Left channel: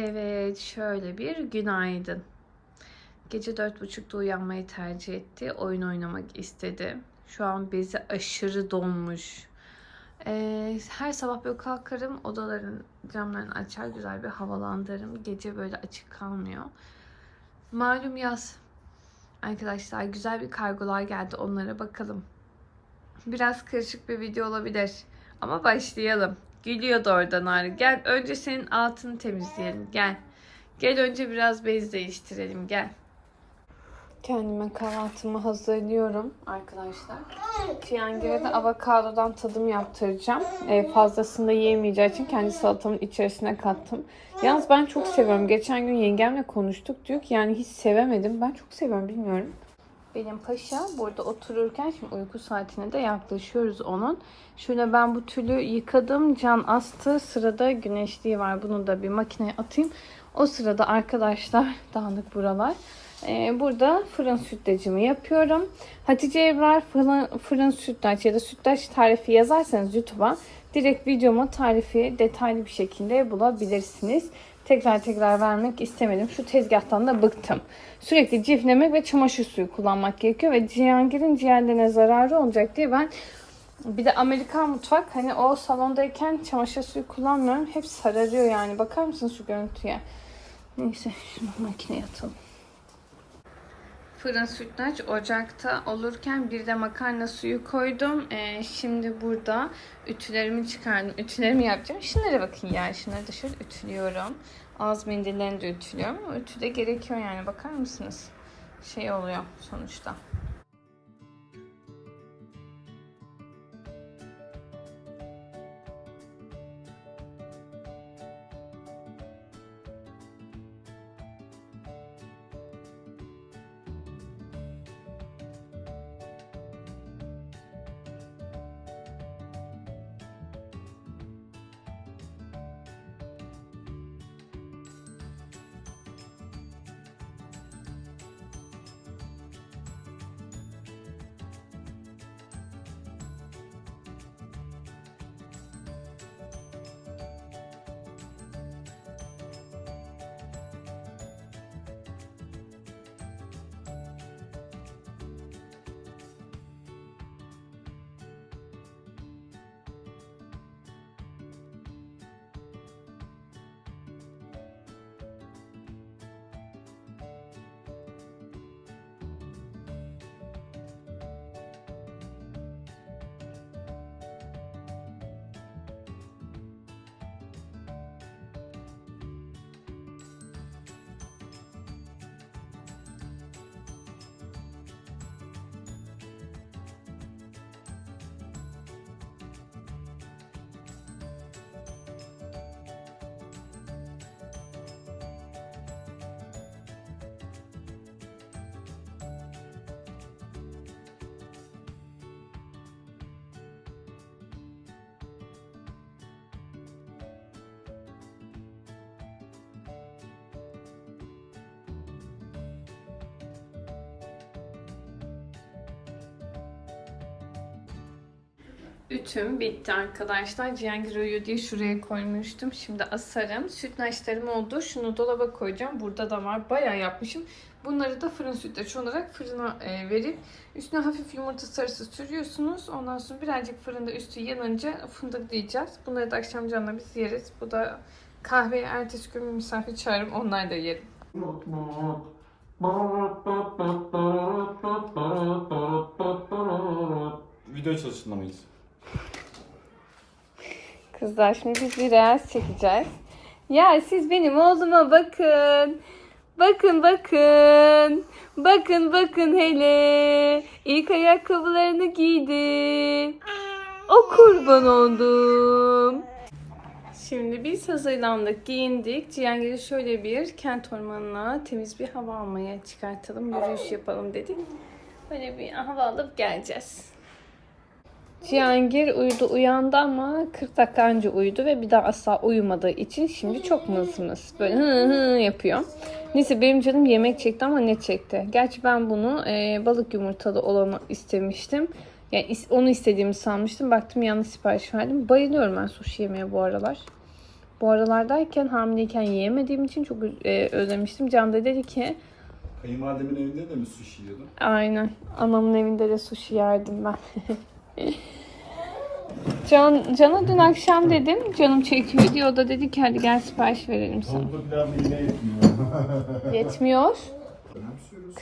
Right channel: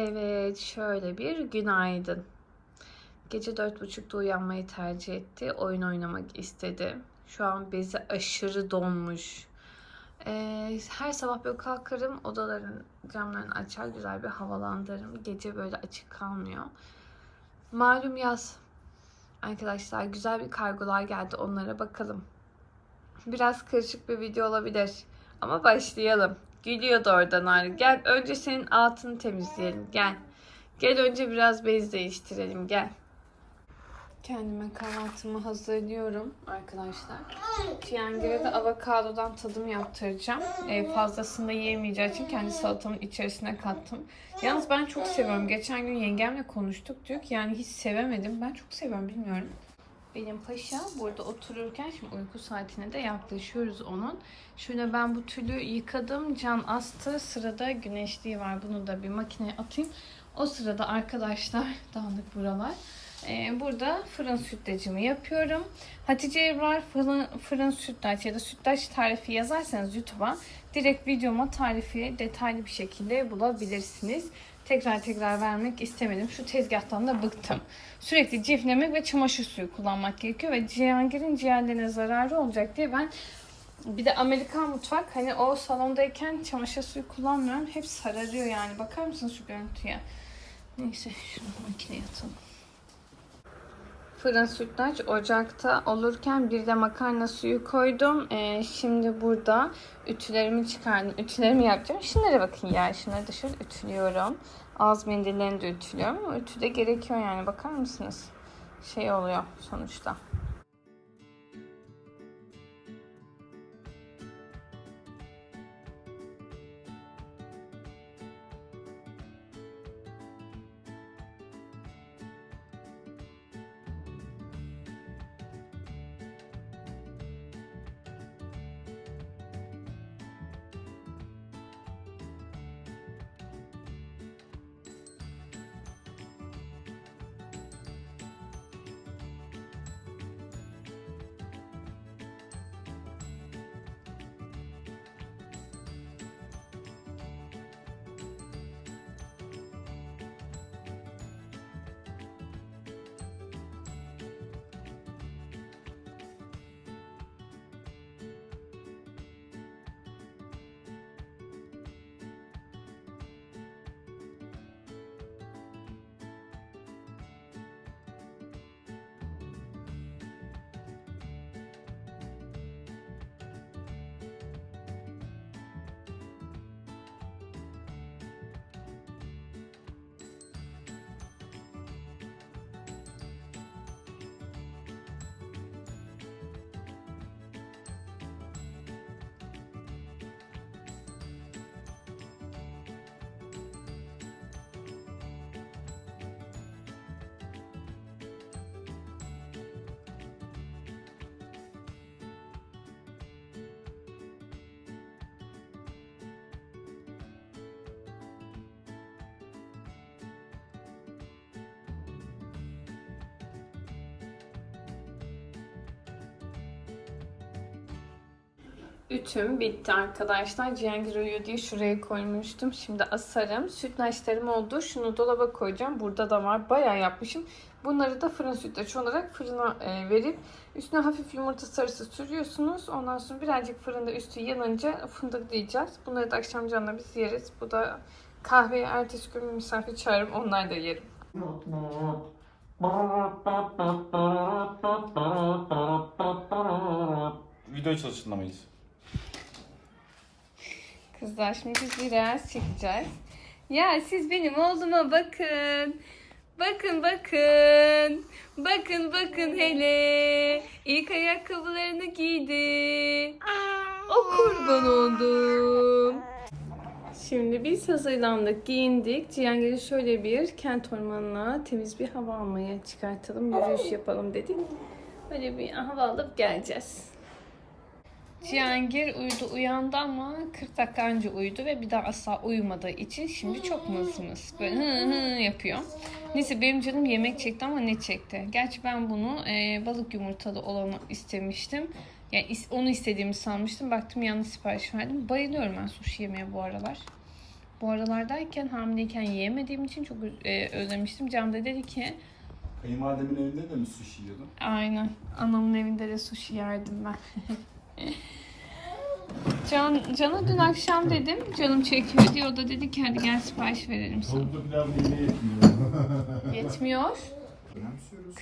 Evet, şöyle bir günaydın. Gece dört buçukta uyanmayı tercih etti. Oyun oynamak istedi. Şu an bezi aşırı donmuş. Ee, her sabah böyle kalkarım, odaların camlarını açar, güzel bir havalandırırım. Gece böyle açık kalmıyor. Malum yaz. Arkadaşlar güzel bir kargolar geldi. Onlara bakalım. Biraz karışık bir video olabilir. Ama başlayalım. Gülüyordu oradan Arı. Gel önce senin altını temizleyelim. Gel. Gel önce biraz bez değiştirelim. Gel. Kendime kahvaltımı hazırlıyorum arkadaşlar. Cihangir'e de avokadodan tadım yaptıracağım. Ee, fazlasını da yiyemeyeceği için kendi salatamın içerisine kattım. Yalnız ben çok seviyorum. Geçen gün yengemle konuştuk. Diyor ki yani hiç sevemedim. Ben çok seviyorum bilmiyorum. Benim paşa burada otururken şimdi uyku saatine de yaklaşıyoruz onun. Şöyle ben bu tülü yıkadım. Can astı. Sırada güneşliği var. Bunu da bir makineye atayım. O sırada arkadaşlar dağınık buralar. Ee, burada fırın sütlacımı yapıyorum. Hatice Ebrar fırın, fırın sütlaç ya da sütlaç tarifi yazarsanız YouTube'a direkt videomu tarifi detaylı bir şekilde bulabilirsiniz. Tekrar tekrar vermek istemedim. Şu tezgahtan da bıktım. Sürekli ciflemek ve çamaşır suyu kullanmak gerekiyor ve Cihangir'in ciğerlerine zararı olacak diye ben bir de Amerikan mutfak hani o salondayken çamaşır suyu kullanmıyorum. Hep sararıyor yani. Bakar mısınız şu görüntüye? Neyse şunu makineye atalım. Fırın sütlaç ocakta olurken bir de makarna suyu koydum. Ee, şimdi burada ütülerimi çıkardım. Ütülerimi yapacağım. Şunlara bakın ya. Şunları dışarı ütülüyorum. Ağız mendillerini de ütülüyorum. Ütü de gerekiyor yani. Bakar mısınız? Şey oluyor sonuçta. Ütüm bitti arkadaşlar. Cihangir uyuyor diye şuraya koymuştum. Şimdi asarım. Sütlaçlarım oldu. Şunu dolaba koyacağım. Burada da var. Bayağı yapmışım. Bunları da fırın sütlaç olarak fırına e, verip üstüne hafif yumurta sarısı sürüyorsunuz. Ondan sonra birazcık fırında üstü yanınca fındıklayacağız. Bunları da akşam canla biz yeriz. Bu da kahveye ertesi gün misafir çağırırım. Onlar da yerim. Video çalıştığında mıyız? Kızlar şimdi biz bir reels çekeceğiz. Ya siz benim oğluma bakın. Bakın bakın. Bakın bakın hele. İlk ayakkabılarını giydi. O kurban oldum. Şimdi biz hazırlandık, giyindik. Cihangir'i şöyle bir kent ormanına temiz bir hava almaya çıkartalım, yürüyüş yapalım dedik. Böyle bir hava alıp geleceğiz. Cihangir uyudu uyandı ama 40 dakika önce uyudu ve bir daha asla uyumadığı için şimdi çok mız mız böyle hı hı yapıyor. Neyse benim canım yemek çekti ama ne çekti? Gerçi ben bunu e, balık yumurtalı olanı istemiştim. Yani is- onu istediğimi sanmıştım. Baktım yanlış sipariş verdim. Bayılıyorum ben sushi yemeye bu aralar. Bu aralardayken hamileyken yiyemediğim için çok e, özlemiştim. Can da dedi ki Kayınvalidemin evinde de mi sushi yiyordun? aynen anamın evinde de sushi yerdim ben. Can, Can'a dün akşam dedim canım çekiyor diye o da dedi ki hadi gel sipariş verelim sana. Yetmiyor.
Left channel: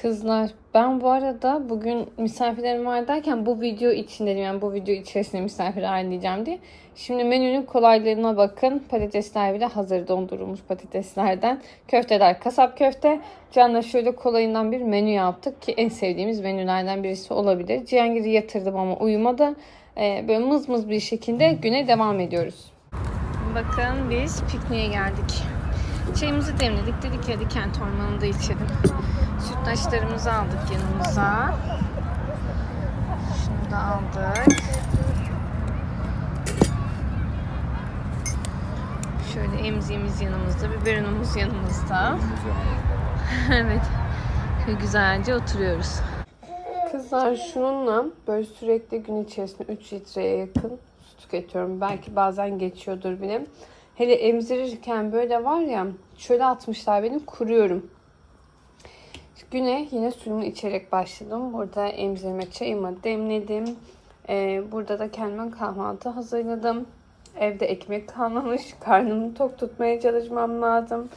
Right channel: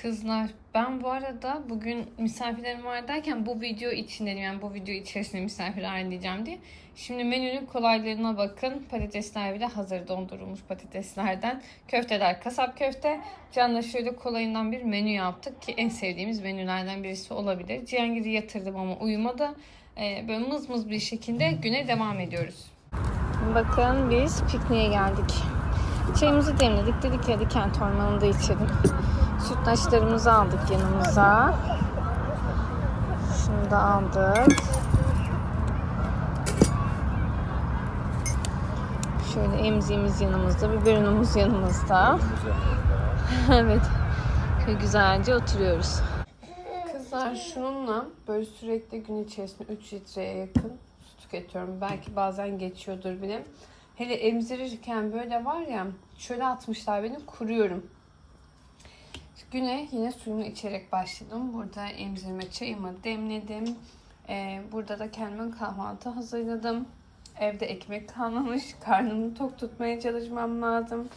Kızlar ben bu arada bugün misafirlerim var derken bu video için dedim yani bu video içerisinde misafir ağırlayacağım diye. Şimdi menünün kolaylarına bakın. Patatesler bile hazır dondurulmuş patateslerden. Köfteler kasap köfte. Can'la şöyle kolayından bir menü yaptık ki en sevdiğimiz menülerden birisi olabilir. Cihangir'i yatırdım ama uyumadı. Ee, böyle mız mız bir şekilde güne devam ediyoruz. Bakın biz pikniğe geldik. Çayımızı demledik. Dedik hadi kent ormanında içelim. Sütlaçlarımızı aldık yanımıza. Şunu da aldık. Şöyle emziğimiz yanımızda, biberonumuz yanımızda. evet. Güzelce oturuyoruz. Kızlar şununla böyle sürekli gün içerisinde 3 litreye yakın su tüketiyorum. Belki bazen geçiyordur bile. Hele emzirirken böyle var ya şöyle atmışlar benim kuruyorum. Güne yine suyumu içerek başladım. Burada emzirme çayımı demledim. Ee, burada da kendime kahvaltı hazırladım. Evde ekmek kalmamış. Karnımı tok tutmaya çalışmam lazım.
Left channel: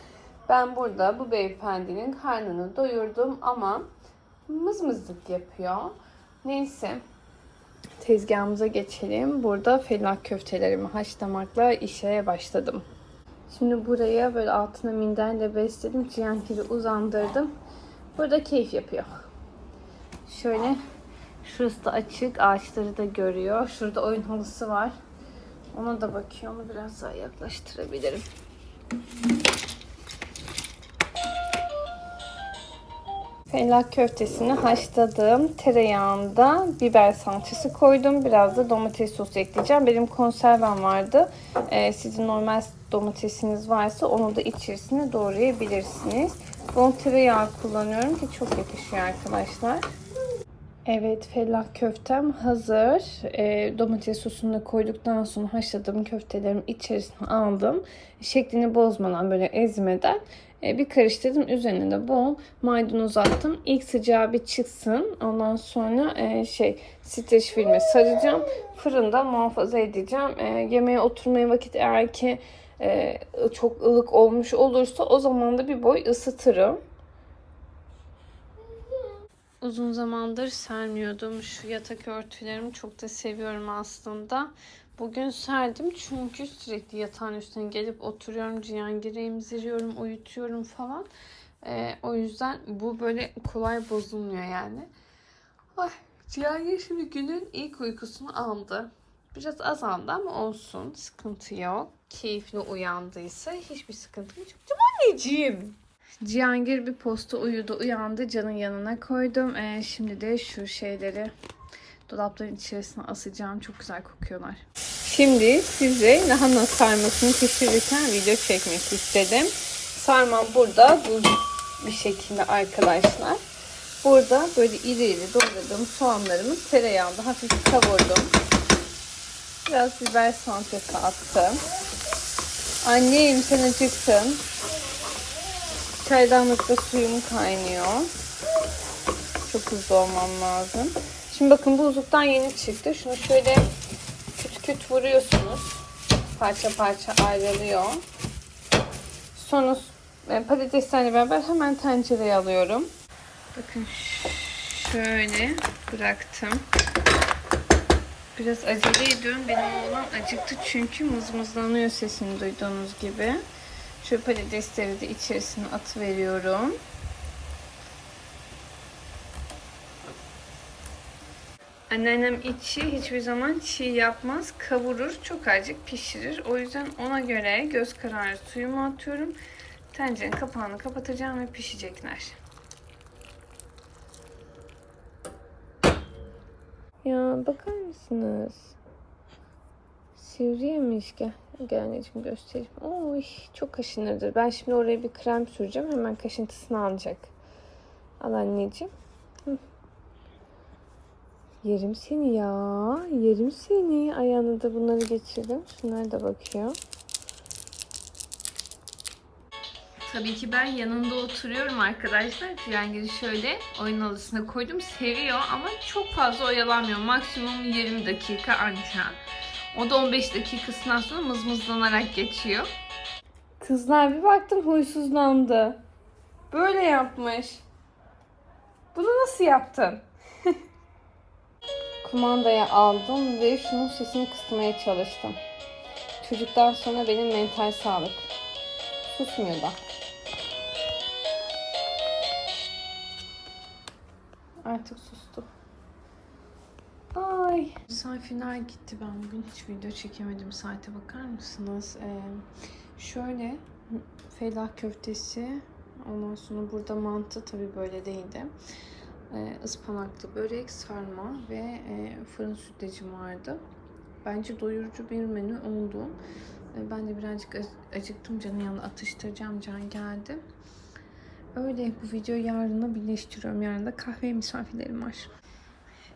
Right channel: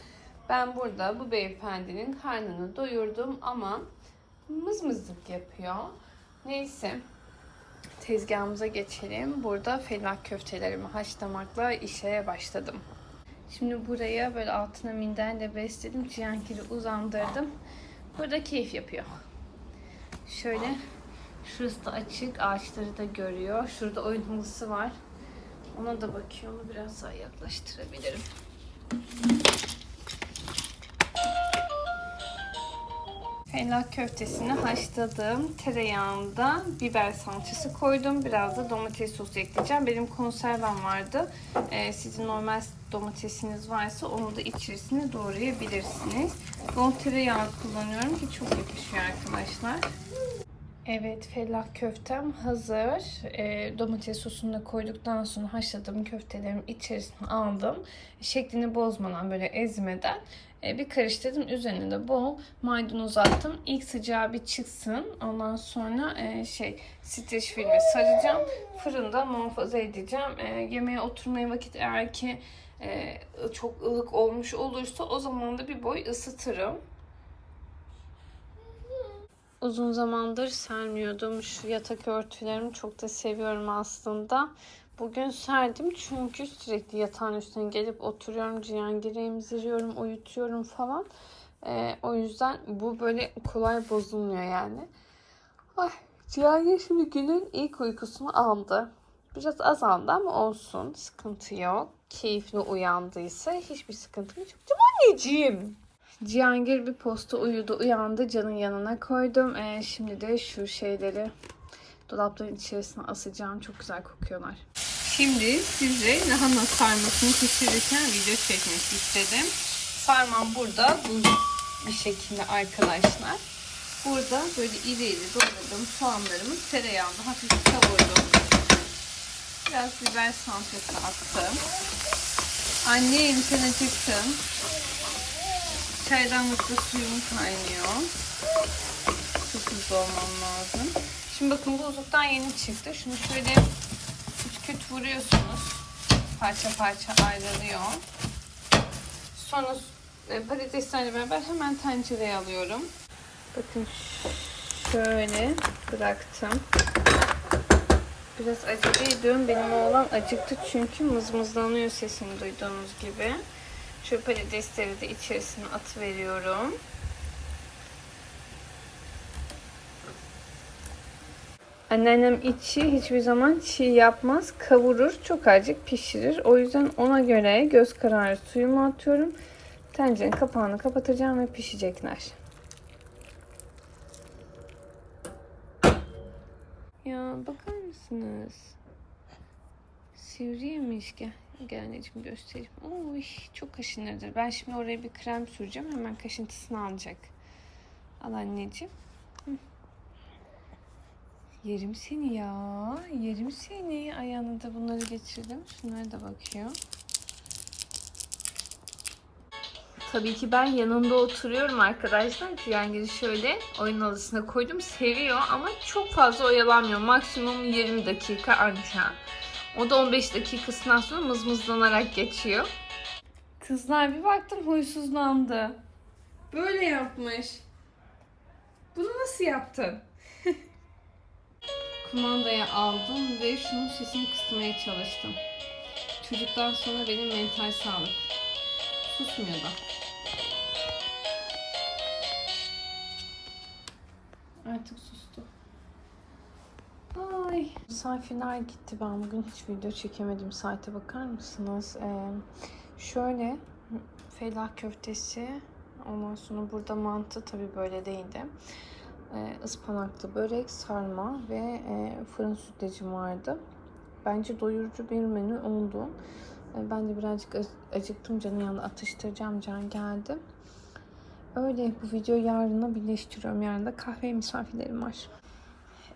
Ben burada bu beyefendinin karnını doyurdum ama mızmızlık yapıyor. Neyse. Tezgahımıza geçelim. Burada fellah köftelerimi haşlamakla işe başladım. Şimdi buraya böyle altına minderle besledim. Cihankir'i uzandırdım. Burada keyif yapıyor. Şöyle şurası da açık. Ağaçları da görüyor. Şurada oyun halısı var. Ona da bakıyor. Onu biraz daha yaklaştırabilirim. Fellah köftesini haşladım. Tereyağında biber salçası koydum. Biraz da domates sosu ekleyeceğim. Benim konservem vardı. Ee, sizin normal domatesiniz varsa onu da içerisine doğrayabilirsiniz. Bol tereyağı kullanıyorum ki çok yakışıyor arkadaşlar. Evet fellah köftem hazır. Ee, domates sosunu koyduktan sonra haşladığım köftelerimi içerisine aldım. Şeklini bozmadan böyle ezmeden e, bir karıştırdım. Üzerine de bol maydanoz attım. İlk sıcağı bir çıksın. Ondan sonra e, şey streç filme saracağım. Fırında muhafaza edeceğim. E, yemeğe oturmaya vakit eğer ki e, çok ılık olmuş olursa o zaman da bir boy ısıtırım. Uzun zamandır sermiyordum. Şu yatak örtülerimi çok da seviyorum aslında. Bugün serdim çünkü sürekli yatağın üstüne gelip oturuyorum. Cihangir'i emziriyorum, uyutuyorum falan. Ee, o yüzden bu böyle kolay bozulmuyor yani. Ay, Cihangir şimdi günün ilk uykusunu aldı. Biraz azaldı ama olsun. Sıkıntı yok. Keyifli uyandıysa hiçbir sıkıntı yok. Anneciğim? Cihangir bir posta uyudu, uyandı. Can'ın yanına koydum. Ee, şimdi de şu şeyleri dolapların içerisine asacağım. Çok güzel kokuyorlar. Şimdi size lahana sarmasını pişirirken video çekmek istedim. Sarmam burada bu bir şekilde arkadaşlar. Burada böyle iri iri doğradığım soğanlarımı tereyağında hafif kavurdum. Biraz biber salçası attım. Annem sen acıktın. Çaydanlıkta suyum kaynıyor. Çok hızlı olmam lazım. Şimdi bakın buzluktan yeni çıktı. Şunu şöyle küt küt vuruyorsunuz. Parça parça ayrılıyor. Sonra e, patateslerle beraber hemen tencereye alıyorum. Bakın şöyle bıraktım. Biraz acele. Benim oğlan acıktı çünkü mızmızlanıyor sesini duyduğunuz gibi. Şu patatesleri de içerisine atıveriyorum. Anneannem içi hiçbir zaman çiğ yapmaz. Kavurur, çok azıcık pişirir. O yüzden ona göre göz kararı suyumu atıyorum. Tencerenin kapağını kapatacağım ve pişecekler. Ya bakar mısınız? Sivri yemiş gel. Gel anneciğim göstereyim. Oy çok kaşınırdır. Ben şimdi oraya bir krem süreceğim. Hemen kaşıntısını alacak. Al anneciğim. Hı. Yerim seni ya. Yerim seni. Ayağına da bunları geçirdim. Şunlar da bakıyor. Tabii ki ben yanında oturuyorum arkadaşlar. Cihangir'i şöyle oyun odasına koydum. Seviyor ama çok fazla oyalanmıyor. Maksimum 20 dakika anca. O da 15 dakikasından sonra mızmızlanarak geçiyor. Kızlar bir baktım huysuzlandı. Böyle yapmış. Bunu nasıl yaptın? Kumandayı aldım ve şunun sesini kısmaya çalıştım. Çocuktan sonra benim mental sağlık. Susmuyor da. Artık sustu. Ay. Misafirler gitti. Ben bugün hiç video çekemedim. Saate bakar mısınız? Ee, şöyle fellah köftesi. Ondan sonra burada mantı tabii böyle değildi. Ee, ıspanaklı börek, sarma ve e, fırın sütlacım vardı. Bence doyurucu bir menü oldu. Ee, Ben de birazcık ac- acıktım. Canım yanında atıştıracağım. Can geldi. Öyle bu videoyu yarına birleştiriyorum. Yarın da kahve misafirlerim var.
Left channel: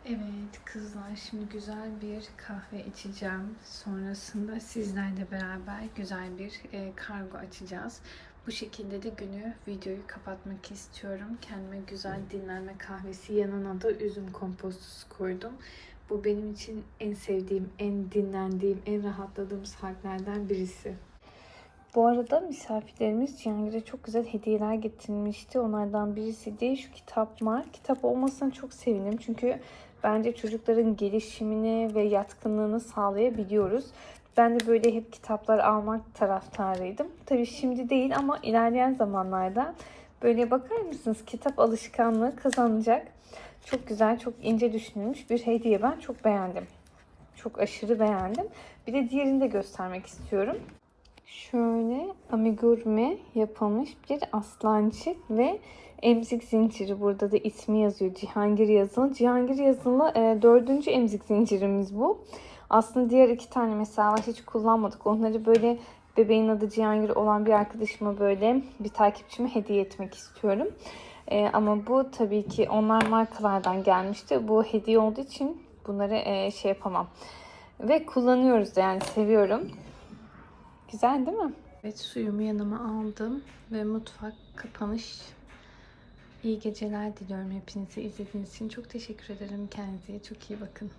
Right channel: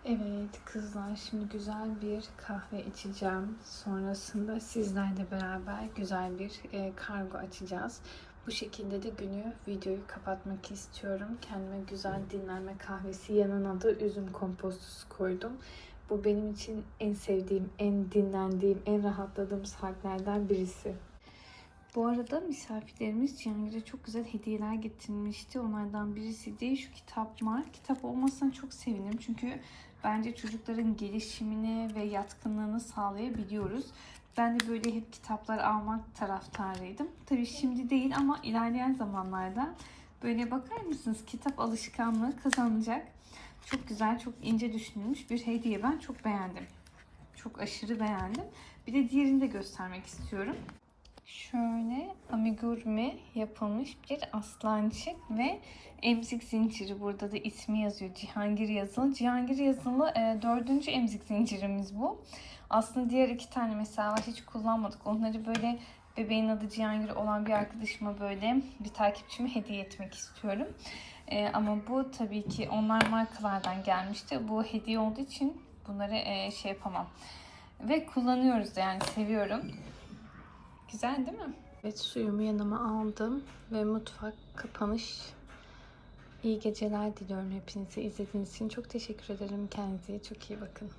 Evet kızlar şimdi güzel bir kahve içeceğim. Sonrasında sizlerle beraber güzel bir e, kargo açacağız. Bu şekilde de günü videoyu kapatmak istiyorum. Kendime güzel dinlenme kahvesi yanına da üzüm kompostosu koydum. Bu benim için en sevdiğim, en dinlendiğim, en rahatladığım saatlerden birisi. Bu arada misafirlerimiz Cihangir'e çok güzel hediyeler getirmişti. Onlardan birisi de şu kitap var. Kitap olmasına çok sevindim. Çünkü bence çocukların gelişimini ve yatkınlığını sağlayabiliyoruz. Ben de böyle hep kitaplar almak taraftarıydım. Tabii şimdi değil ama ilerleyen zamanlarda böyle bakar mısınız kitap alışkanlığı kazanacak. Çok güzel, çok ince düşünülmüş bir hediye. Ben çok beğendim. Çok aşırı beğendim. Bir de diğerini de göstermek istiyorum. Şöyle amigurumi yapılmış bir aslancık ve emzik zinciri. Burada da ismi yazıyor. Cihangir yazılı. Cihangir yazılı e, dördüncü emzik zincirimiz bu. Aslında diğer iki tane mesela hiç kullanmadık. Onları böyle bebeğin adı Cihangir olan bir arkadaşıma böyle bir takipçime hediye etmek istiyorum. E, ama bu tabii ki onlar markalardan gelmişti. Bu hediye olduğu için bunları e, şey yapamam. Ve kullanıyoruz yani seviyorum. Güzel değil mi? Evet suyumu yanıma aldım ve mutfak kapanış. İyi geceler diliyorum hepinize. İzlediğiniz için çok teşekkür ederim. Kendinize çok iyi bakın.